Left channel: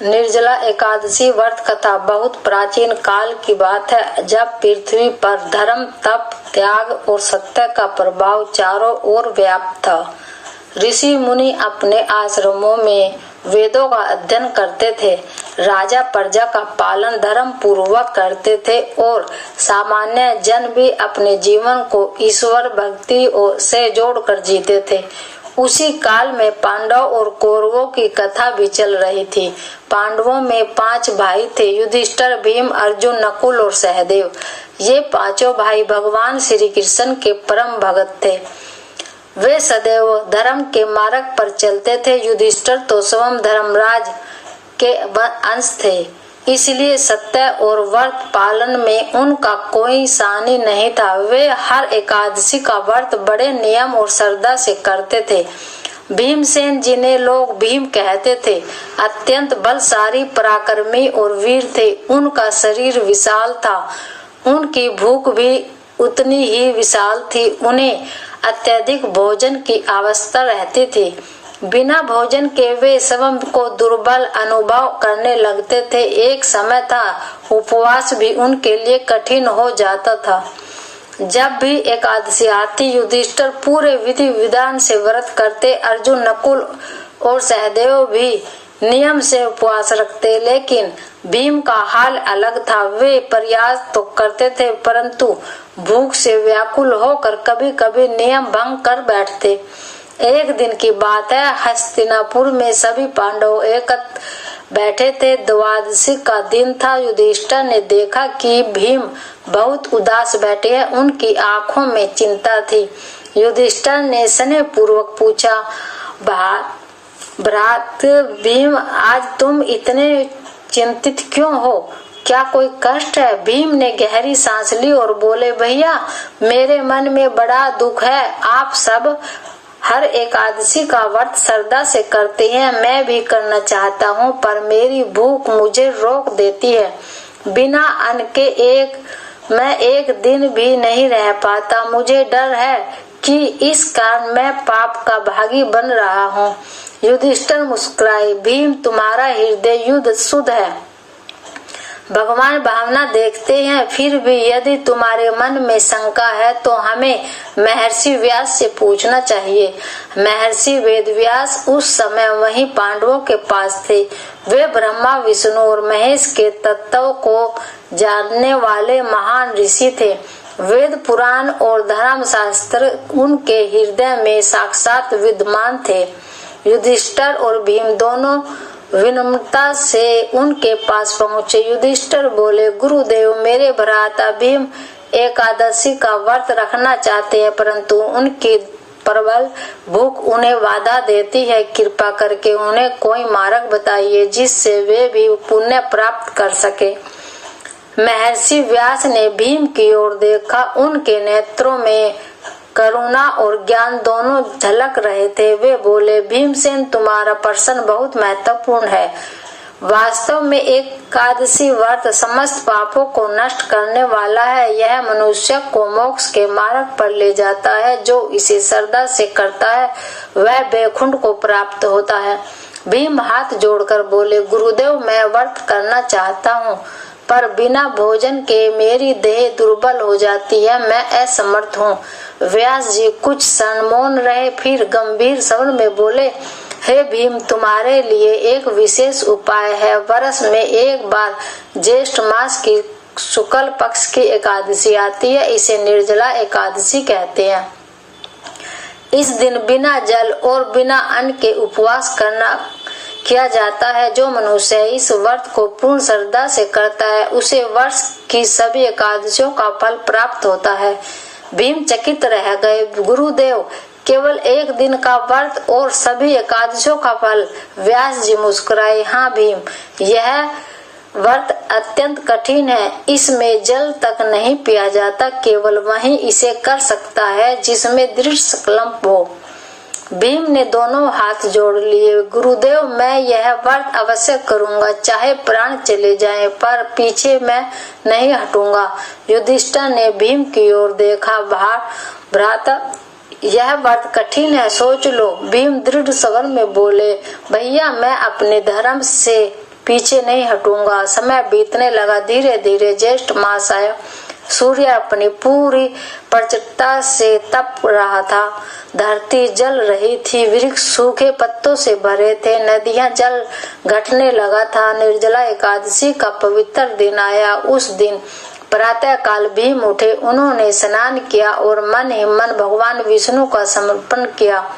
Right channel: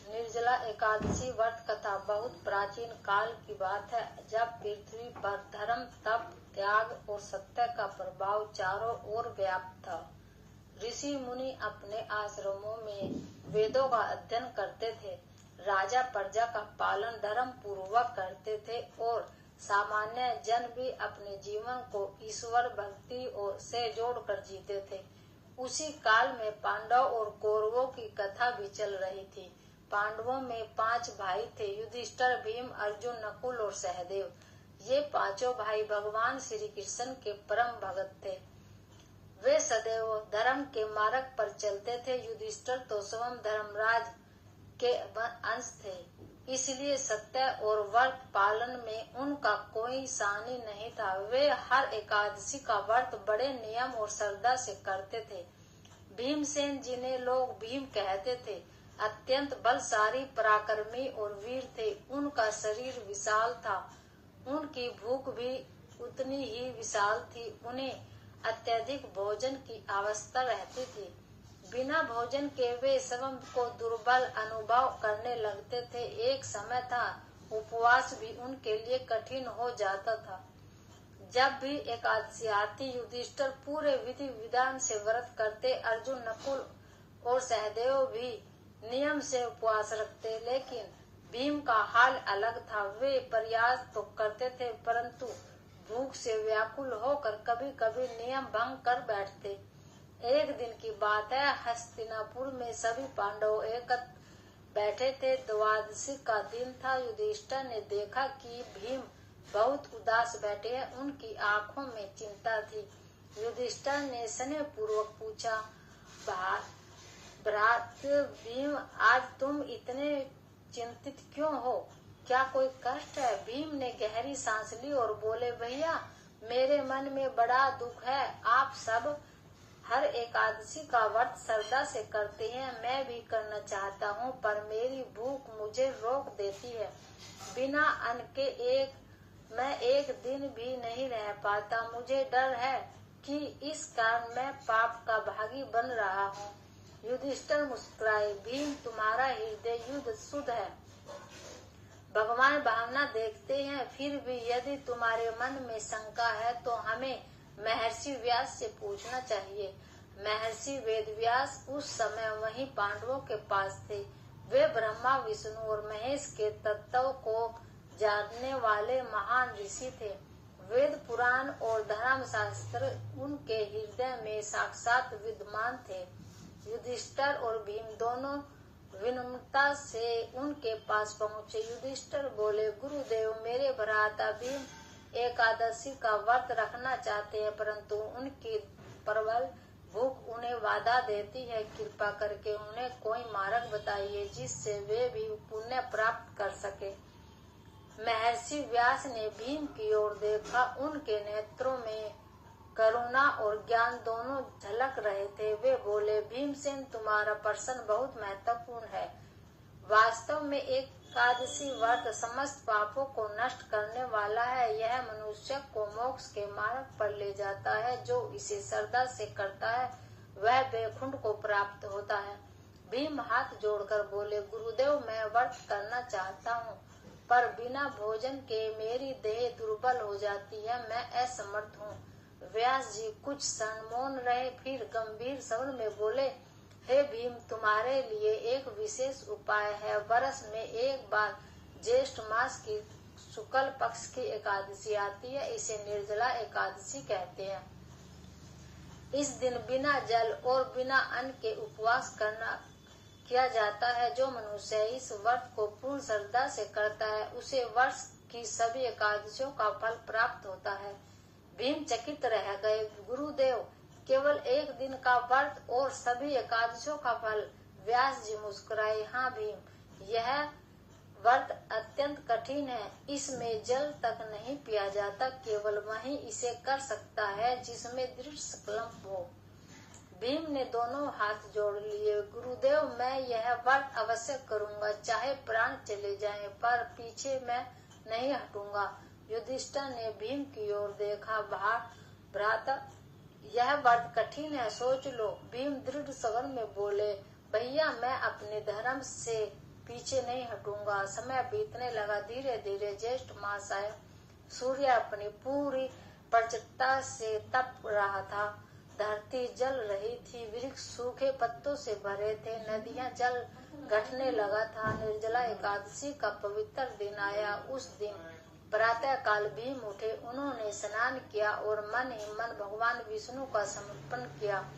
निर्जला एकादशी व्रत कथा बहुत प्राचीन काल की बात है, जब पृथ्वी पर धर्म, तप, त्याग और सत्य का प्रभाव चारों ओर व्याप्त था। ऋषि मुनि अपने आश्रमों में वेदों का अध्ययन करते थे, राजा प्रजा का पालन धर्म पूर्वक करते थे और सामान्य जन भी अपने जीवन को ईश्वर भक्ति से जोड़कर जीते थे। उसी काल में पांडव और कौरवों की कथा भी चल रही थी। पांडवों में 5 भाई थे, युधिष्ठिर, भीम, अर्जुन, नकुल और सहदेव। ये पांचों भाई भगवान श्री कृष्ण के परम भक्त थे। वे सदैव धर्म के मार्ग पर चलते थे। युधिष्ठिर तो स्वयं धर्मराज के अंश थे, इसलिए सत्य और व्रत पालन में उनका कोई सानी नहीं था। वे हर एकादशी का व्रत बड़े नियम और श्रद्धा से करते थे। भीमसेन, जिन्हें लोग भीम कहते थे, अत्यंत बलशाली, पराक्रमी और वीर थे। उनका शरीर विशाल था, उनकी भूख भी उतनी ही विशाल थी। उन्हें अत्यधिक भोजन की आवश्यकता रहती थी। बिना भोजन के वे स्वयं को दुर्बल अनुभव करने लगते थे। एक समय था उपवास भी उनके लिए कठिन हो जाता था। जब भी एकादशी आती, युधिष्ठिर पूरे विधि विधान से व्रत करते। अर्जुन, नकुल और सहदेव भी नियम से उपवास रखते, लेकिन भीम का हाल अलग था। वे प्रयास तो करते थे, परंतु भूख से व्याकुल होकर कभी कभी नियम भंग कर बैठते। एक दिन की बात है, हस्तिनापुर में सभी पांडव एकत्र बैठे थे। द्वादशी का दिन था। युधिष्ठिर ने देखा कि भीम बहुत उदास बैठे हैं, उनकी आंखों में चिंता थी। युधिष्ठिर ने स्नेह पूर्वक पूछा, भ्रात भीम, आज तुम इतने चिंतित क्यों हो? क्या कोई कष्ट है? भीम ने गहरी सांस ली और बोले, भैया, मेरे मन में बड़ा दुख है। आप सब हर एकादशी का व्रत श्रद्धा से करते हैं, मैं भी करना चाहता हूँ, पर मेरी भूख मुझे रोक देती है। बिना अन्न के मैं एक दिन भी नहीं रह पाता। मुझे डर है कि इस कारण मैं पाप का भागी बन रहा हूँ। युधिष्ठिर मुस्कुराए, भीम, तुम्हारा हृदय युद्ध शुद्ध है, भगवान भावना देखते हैं। फिर भी यदि तुम्हारे मन में शंका है तो हमें महर्षि व्यास से पूछना चाहिए। महर्षि वेदव्यास उस समय वहीं पांडवों के पास थे। वे ब्रह्मा, विष्णु और महेश के तत्वों को जानने वाले महान ऋषि थे। वेद, पुराण और धर्म शास्त्र उनके हृदय में साक्षात विद्यमान थे। युधिष्ठिर और भीम दोनों विनम्रता से उनके पास पहुँचे। युधिष्ठिर बोले, गुरुदेव, मेरे भ्राता भीम एकादशी का व्रत रखना चाहते हैं, परंतु उनकी प्रबल भूख उन्हें बाधा देती है। कृपा करके उन्हें कोई मार्ग बताइए जिससे वे भी पुण्य प्राप्त कर सके। महर्षि व्यास ने भीम की ओर देखा। उनके नेत्रों में करुणा और ज्ञान दोनों झलक रहे थे। वे बोले, भीमसेन, तुम्हारा प्रश्न बहुत महत्वपूर्ण है। वास्तव में एकादशी व्रत समस्त पापों को नष्ट करने वाला है। यह मनुष्य को मोक्ष के मार्ग पर ले जाता है। जो इसे श्रद्धा से करता है वह वैकुंठ को प्राप्त होता है। भीम हाथ जोड़कर बोले, गुरुदेव, मैं व्रत करना चाहता हूँ, पर बिना भोजन के मेरी देह दुर्बल हो जाती है, मैं असमर्थ हूँ। व्यास जी कुछ क्षण मौन रहे, फिर गंभीर स्वर में बोले, हे भीम, तुम्हारे लिए एक विशेष उपाय है। वर्ष में एक बार ज्येष्ठ मास की शुक्ल पक्ष की एकादशी आती है, इसे निर्जला एकादशी कहते हैं। इस दिन बिना जल और बिना अन्न के उपवास किया जाता है। जो मनुष्य इस व्रत को पूर्ण श्रद्धा से करता है, उसे वर्ष की सभी एकादशियों का फल प्राप्त होता है। भीम चकित रह गए, गुरुदेव, केवल एक दिन का व्रत और सभी एकादशियों का फल? व्यास जी मुस्कुराए, हाँ भीम, यह व्रत अत्यंत कठिन है। इसमें जल तक नहीं पिया जाता। केवल वही इसे कर सकता है जिसमें दृढ़ संकल्प हो। भीम ने दोनों हाथ जोड़ लिए, गुरुदेव, मैं यह व्रत अवश्य करूंगा, चाहे प्राण चले जाएं, पर पीछे मैं नहीं हटूंगा। युधिष्ठिर ने भीम की ओर देखा, भ्राता, यह व्रत कठिन है, सोच लो। भीम दृढ़ स्वर में बोले, भैया, मैं अपने धर्म से पीछे नहीं हटूंगा। समय बीतने लगा। धीरे धीरे ज्येष्ठ मास आया। सूर्य अपनी पूरी प्रचंडता से तप रहा था। धरती जल रही थी। वृक्ष सूखे पत्तों से भरे थे। नदियां जल घटने लगा था। निर्जला एकादशी का पवित्र दिन आया। उस दिन प्रातः काल भीम उठे। उन्होंने स्नान किया और मन ही मन भगवान विष्णु का समर्पण किया।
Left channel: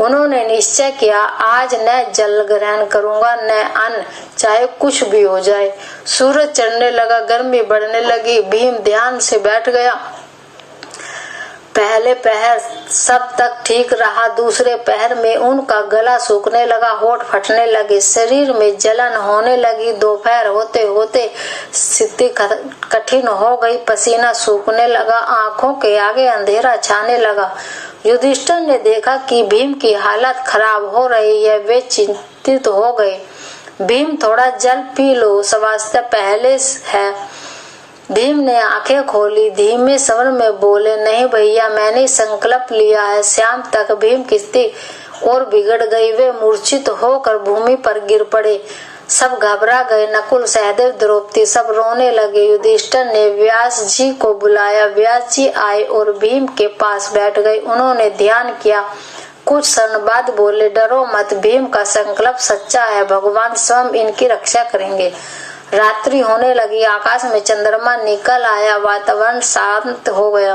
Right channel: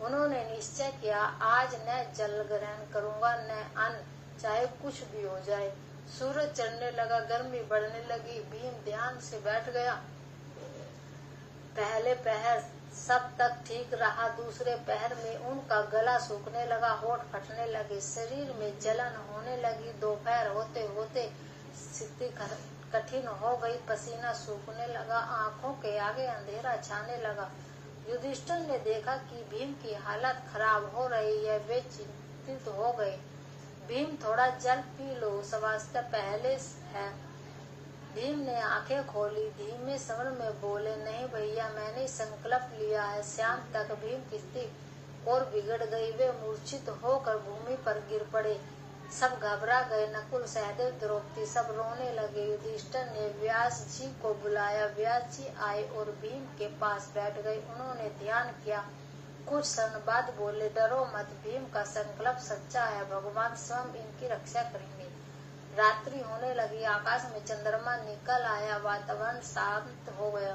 उन्होंने निश्चय किया, आज न जल ग्रहण करूंगा न अन्न, चाहे कुछ भी हो जाए। सूरज चढ़ने लगा। गर्मी बढ़ने लगी। भीम ध्यान से बैठ गया। पहले पहर सब तक ठीक रहा। दूसरे पहर में उनका गला सूखने लगा, होठ फटने लगे, शरीर में जलन होने लगी। दोपहर होते होते स्थिति कठिन हो गई। पसीना सूखने लगा। आंखों के आगे अंधेरा छाने लगा। युधिष्ठिर ने देखा कि भीम की हालत खराब हो रही है। वे चिंतित हो गए। भीम, थोड़ा जल पी लो, स्वास्थ्य पहले है। भीम ने आंखें खोली। धीमे स्वर में बोले, नहीं भैया, मैंने संकल्प लिया है। शाम तक भीम की स्थिति और बिगड़ गई। वे मूर्छित होकर भूमि पर गिर पड़े। सब घबरा गए। नकुल, सहदेव, द्रौपदी सब रोने लगे। युधिष्ठिर ने व्यास जी को बुलाया। व्यास जी आए और भीम के पास बैठ गए। उन्होंने ध्यान किया। कुछ क्षण बाद बोले, डरो मत, भीम का संकल्प सच्चा है। भगवान स्वयं इनकी रक्षा करेंगे। रात्रि होने लगी। आकाश में चंद्रमा निकल आया। वातावरण शांत हो गया।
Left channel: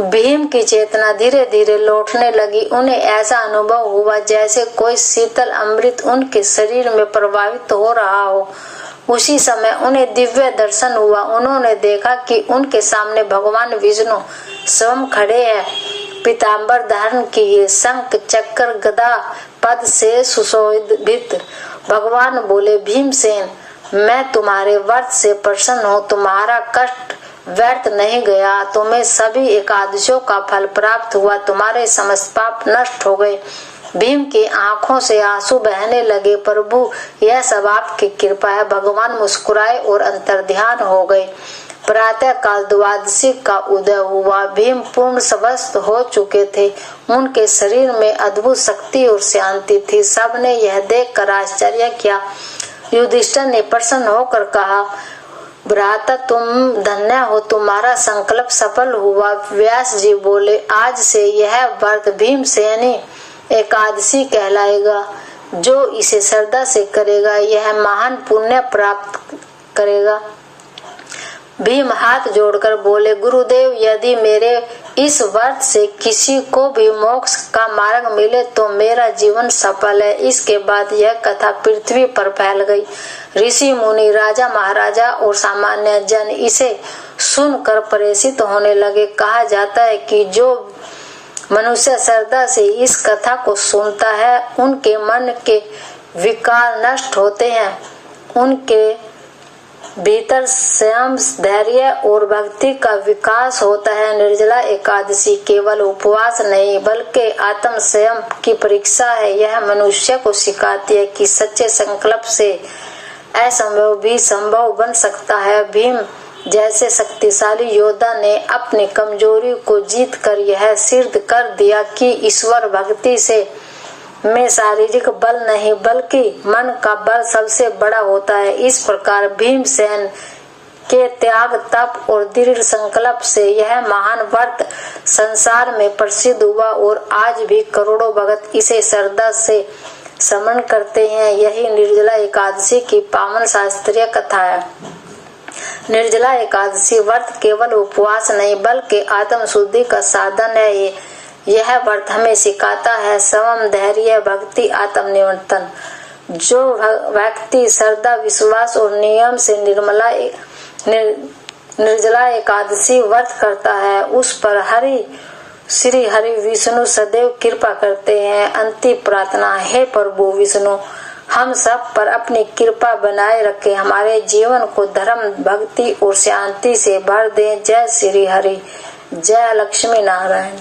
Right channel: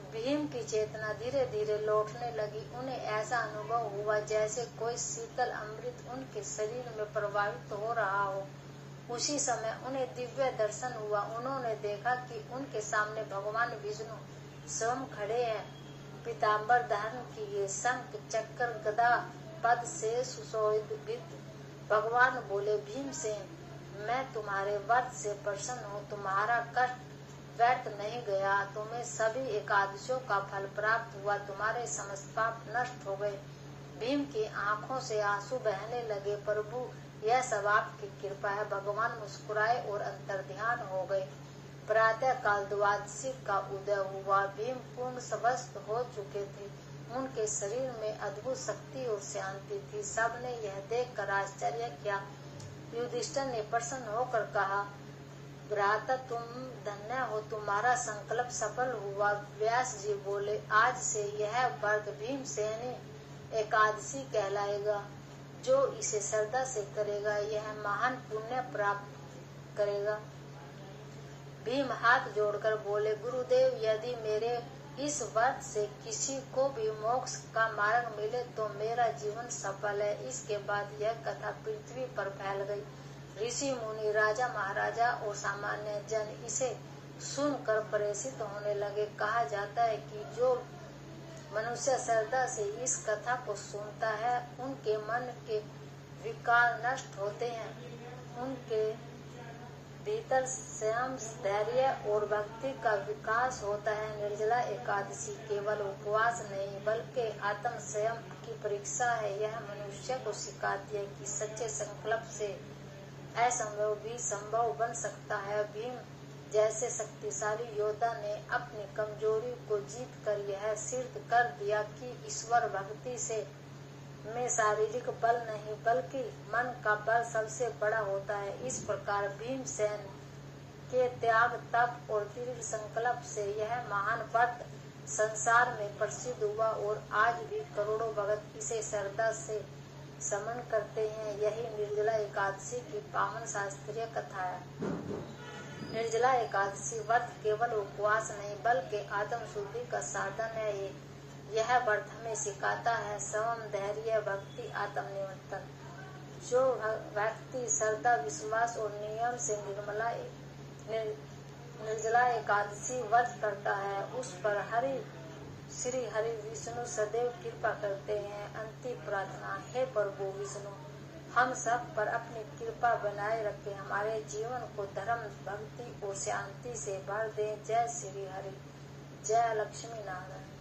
भीम की चेतना धीरे धीरे लौटने लगी। उन्हें ऐसा अनुभव हुआ जैसे कोई शीतल अमृत उनके शरीर में प्रवाहित हो रहा हो। उसी समय उन्हें दिव्य दर्शन हुआ। उन्होंने देखा कि उनके सामने भगवान विष्णु स्वयं खड़े हैं, पीताम्बर धारण किए, शंख चक्र गदा पद से सुशोभित। भगवान बोले, भीमसेन, मैं तुम्हारे व्रत से प्रसन्न हूँ। तुम्हारा कष्ट व्यर्थ नहीं गया। तुम्हें सभी एकादशियों का फल प्राप्त हुआ। तुम्हारे समस्त पाप नष्ट हो गए। भीम की आंखों से आंसू बहने लगे। प्रभु, यह सब आपकी कृपा है। भगवान मुस्कुराए और अंतर्ध्यान हो गए। प्रातः काल द्वादशी का उदय हुआ। भीम पूर्ण स्वस्थ हो चुके थे। उनके शरीर में अद्भुत शक्ति और शांति थी। सबने यह देखकर आश्चर्य किया। युधिष्ठिर ने प्रसन्न होकर कहा, भ्राता, तुम धन्य हो, तुम्हारा संकल्प सफल हुआ। व्यास जी बोले, आज से यह व्रत भीमसेनी एकादशी कहलाएगा। जो इसे श्रद्धा से करेगा यह महान पुण्य प्राप्त करेगा। भीम हाथ जोड़कर बोले, गुरुदेव, यदि मेरे इस व्रत से किसी को भी मोक्ष का मार्ग मिले तो मेरा जीवन सफल है। इसके बाद यह कथा पृथ्वी पर फैल गई। ऋषि मुनि, राजा महाराजा और सामान्य जन इसे सुनकर परेशान होने लगे। कहा जाता है कि जो मनुष्य श्रद्धा से इस कथा को सुनता है उनके मन के विकार नष्ट होते हैं। उनके भीतर संयम, धैर्य और भक्ति का विकास होता है। निर्जला एकादशी केवल उपवास नहीं बल्कि आत्म संयम की परीक्षा है। यह मनुष्य को सिखाती है कि सच्चे संकल्प से असंभव भी संभव बन सकता है। भीम जैसे शक्तिशाली योद्धा ने अपनी कमजोरी को जीत कर यह सिद्ध कर दिया कि ईश्वर भक्ति से में शारीरिक बल नहीं बल्कि मन का बल सबसे बड़ा होता है। इस प्रकार भीमसेन के त्याग, तप और दृढ़ संकल्प से यह महान व्रत संसार में प्रसिद्ध हुआ और आज भी करोड़ों भक्त इसे श्रद्धा से स्मरण करते हैं। यही निर्जला एकादशी की पावन शास्त्रीय कथा है। निर्जला एकादशी व्रत केवल उपवास नहीं बल्कि आत्म शुद्धि का साधन है। यह व्रत हमें सिखाता है संयम, धैर्य, भक्ति, आत्मनियंत्रण। जो व्यक्ति श्रद्धा, विश्वास और नियम से निर्जला एकादशी व्रत करता है उस पर श्री हरि विष्णु सदैव कृपा करते हैं। अंतिम प्रार्थना, हे प्रभु विष्णु, हम सब पर अपनी कृपा बनाए रखें। हमारे जीवन को धर्म, भक्ति और शांति से भर दें। जय श्री हरि, जय लक्ष्मी नारायण।